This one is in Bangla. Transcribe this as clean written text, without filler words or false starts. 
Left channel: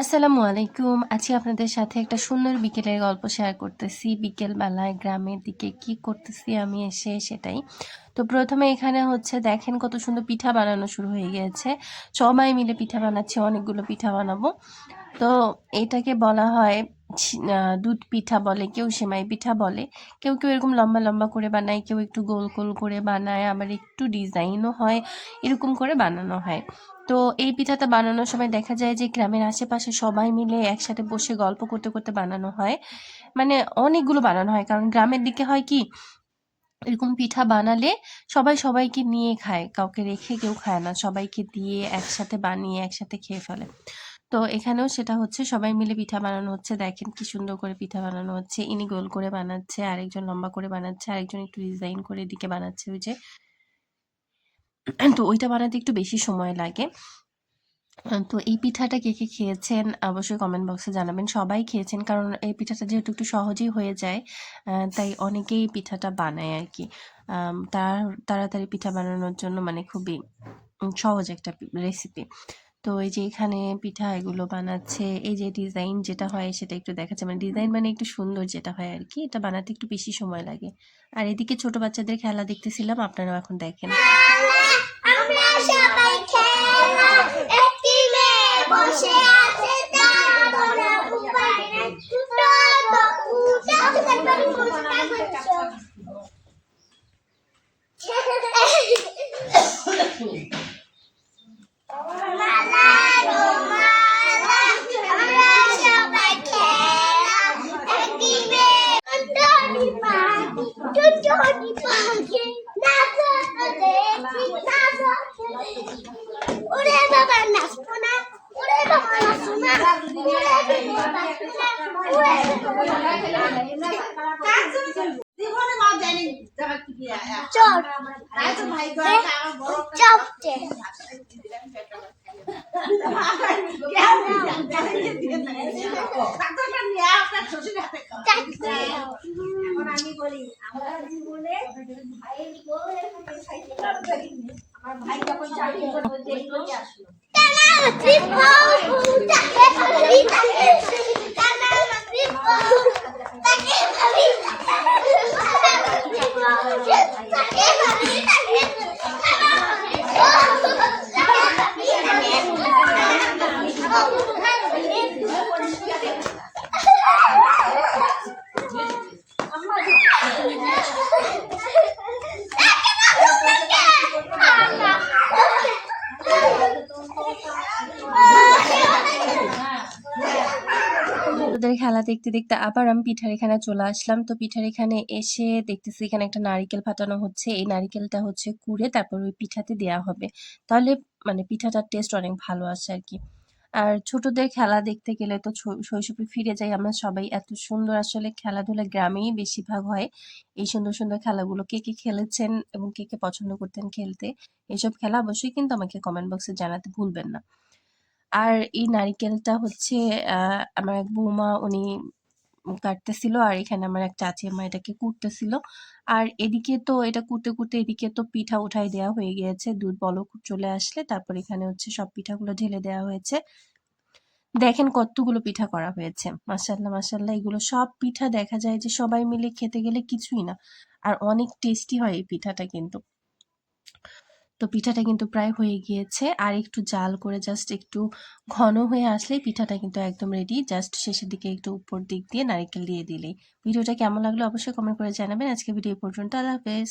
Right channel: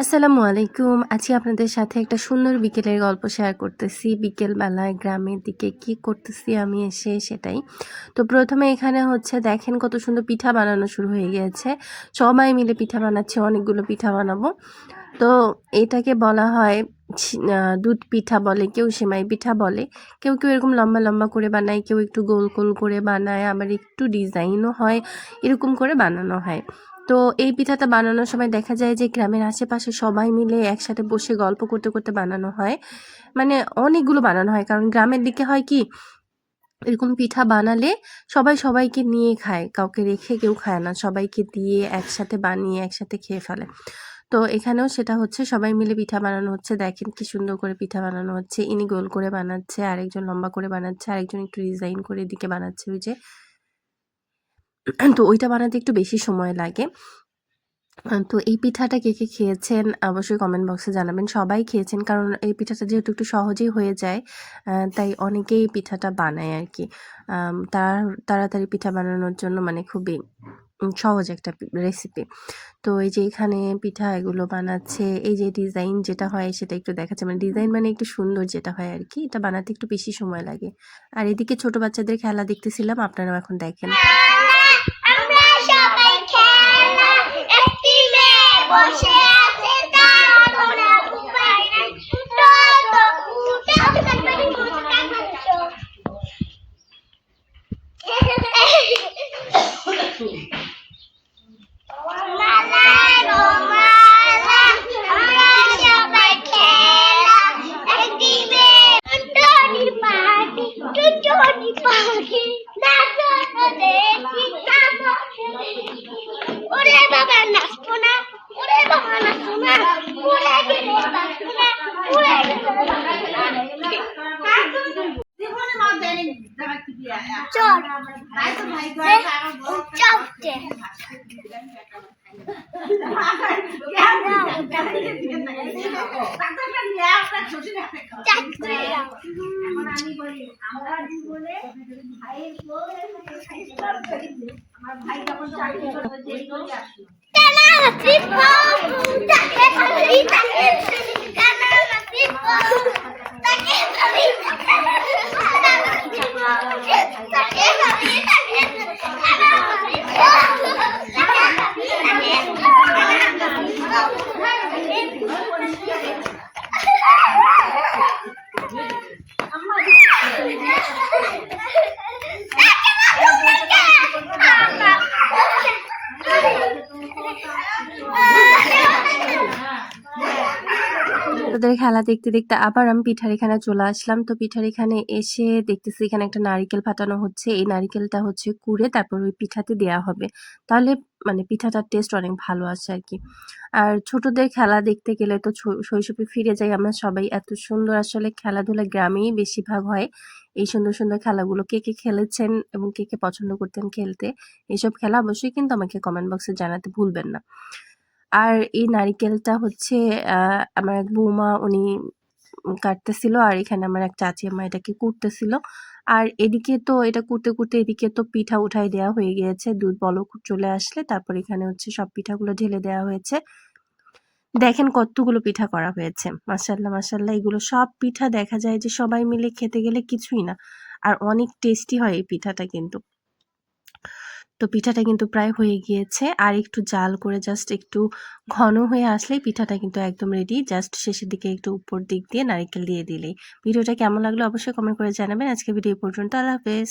আসসালামু আলাইকুম। আজকে আপনাদের সাথে একটা সুন্দর বিকেলের গল্প শেয়ার করতেছি। বিকেলবেলায় গ্রামের দিকে কি করতেছি আমি এসে সেটাই। তো ১ম এ এখানে হচ্ছে দেখেন কত সুন্দর পিঠা বানানো শুরু হয়ে গিয়েছে। সবাই মিলে পিঠা বানাচ্ছে, অনেকগুলো পিঠা বানাবো। তো এটাকে বলা হয় দুধ পিঠা বলে, কেউ সেমাই পিঠা বলে। কেউ এরকম লম্বা, লম্বা করে বানায়, কেউ একটু গোল, গোল করে বানায়, আবার একটু ডিজাইনও হয়। এরকম করে বানানো হয়। তো এই পিঠাটা বানানোর সময় দেখা যায় যে গ্রামের আশেপাশে সবাই মিলে একসাথে বসে গল্প করতে, করতে বানানো হয়। মানে অনেকগুলো বানানো হয়। কারণ গ্রামের দিকে হয় কি এরকম পিঠা বানালে সবাই সবাইকে নিয়ে খায়। কাউকে রেখে কেউ খায় না। সবাইকে দিয়ে একসাথে বানিয়ে একসাথে খেয়ে ফেলে। তো এখানেও সেটা হচ্ছে সবাই মিলে পিঠা বানানো হচ্ছে। দেখেন কি সুন্দর করে পিঠা বানানো হচ্ছে। ইনি গোল করে বানাচ্ছে, আরেকজন লম্বা করে বানাচ্ছে, আরেকজন একটু ডিজাইন করে এদিকে বানাচ্ছে ওই যে। তো ওইটা বানাতে একটু বেশি সময় লাগে। তো এই পিঠাটা কে, কে খেয়েছেন অবশ্যই কমেন্ট বক্সে জানাবেন। সবাই খেয়েছেন কারণ এই পিঠাটা যেহেতু একটু সহজেই হয়ে যায়, তাই অনেকেই পিঠাটা বানায় আরকি। তাড়াতাড়ি পিঠা বানানোর জন্য মানে খুবই সহজ একটা রেসিপি। তো এই যে এখানে পিঠা এগুলো বানাচ্ছে। এই যে ডিজাইন যেটা হয় সেটা একটু দেখাচ্ছে। মানে ডিজাইন মানে একটু সুন্দর যেটা হয় আরকি। এটা বানাতে একটু বেশি সময় লাগে। আর এদিকে ছোট বাচ্চাদের খেলা দেখতেছিলাম। আপনারাও এখন দেখেন। আমরা সবাই খেলা একটি মেয়ে বসে আছে তার কোনো উপায় নাই তো উঠে তাড়াতাড়ি মুস্কান করছো মালা গো মালা আমরা সবাই খেলা একটি মেয়ে টুনটুনি পাখি নাচো দেখি নাচো ওরে বাবা নাচবো না ওরে বাবা নাচবো না ওরে বিলে নাচবো না ওরে জীবনে মা জানি জায়গা কি দিয়া চল তাই তো ভাই গো চাপতে আমি বলি আমরা জীবনে ভাইয়ের আমার ভাই যখন চাকরি করতে দেরি আসলো ওদের খেলা দেখতে, দেখতে আবার আমি পিঠার এখানে চলে আসলাম। তো পিঠার এখানে এসে দেখতেছি এখানে একটা নারিকেল ফাটানো হচ্ছে। এই নারিকেলটা হচ্ছে কুড়ে তারপর ওই পিঠাতে দেয়া হবে। তাহলে মানে পিঠাটার টেস্ট অনেক ভালো আসে আরকি। আর ছোটদের খেলা দেখতে গেলে তো শৈশবে ফিরে যাই আমরা সবাই। এত সুন্দর আসলে খেলাধুলা গ্রামেই বেশিরভাগ হয়। এই সুন্দর, সুন্দর খেলাগুলো কে, কে খেলেছেন এবং কে, কে পছন্দ করতেন খেলতে? এসব খেলা অবশ্যই কিন্তু আমাকে কমেন্ট বক্সে জানাতে ভুলবেন না। আর এই নারিকেলটা হচ্ছে আ আমার এক বৌমা উনি কাটতেছিল আর এখানে আমার এক চাচি আম্মা এটাকে কুটতেছিল। আর এদিকে তো এটা কুটতে, কুটতে এদিকে তো পিঠা উঠাই দেয়া হয়ে গিয়েছে। দুধ বলক চলে আসলে তারপর এখানে হচ্ছে সব পিঠাগুলো ঢেলে দেওয়া হয়েছে। দেখেন কতগুলো পিঠা করা হয়েছে। মাশাআল্লাহ, মাশাআল্লাহ এগুলো সব পিঠা দেখা যায় যে সবাই মিলে খেতে গেলে কিছুই না। আর অনেক টেস্টি হয় এই পিঠাটা কিন্তু। তো পিঠাটা কিন্তু প্রায় হয়ে গিয়েছে। আর একটু জাল করে জাস্ট একটু ঘন হয়ে আসলেই পিঠাটা কিন্তু একদম রেডি। জাস্ট শেষের দিকে একটু উপর দিক দিয়ে নারিকেল দিয়ে দিলেই। ভিডিওটা কেমন লাগলো অবশ্যই কমেন্ট করে জানাবেন। আজকে ভিডিও এই পর্যন্ত। আল্লাহ হাফেজ।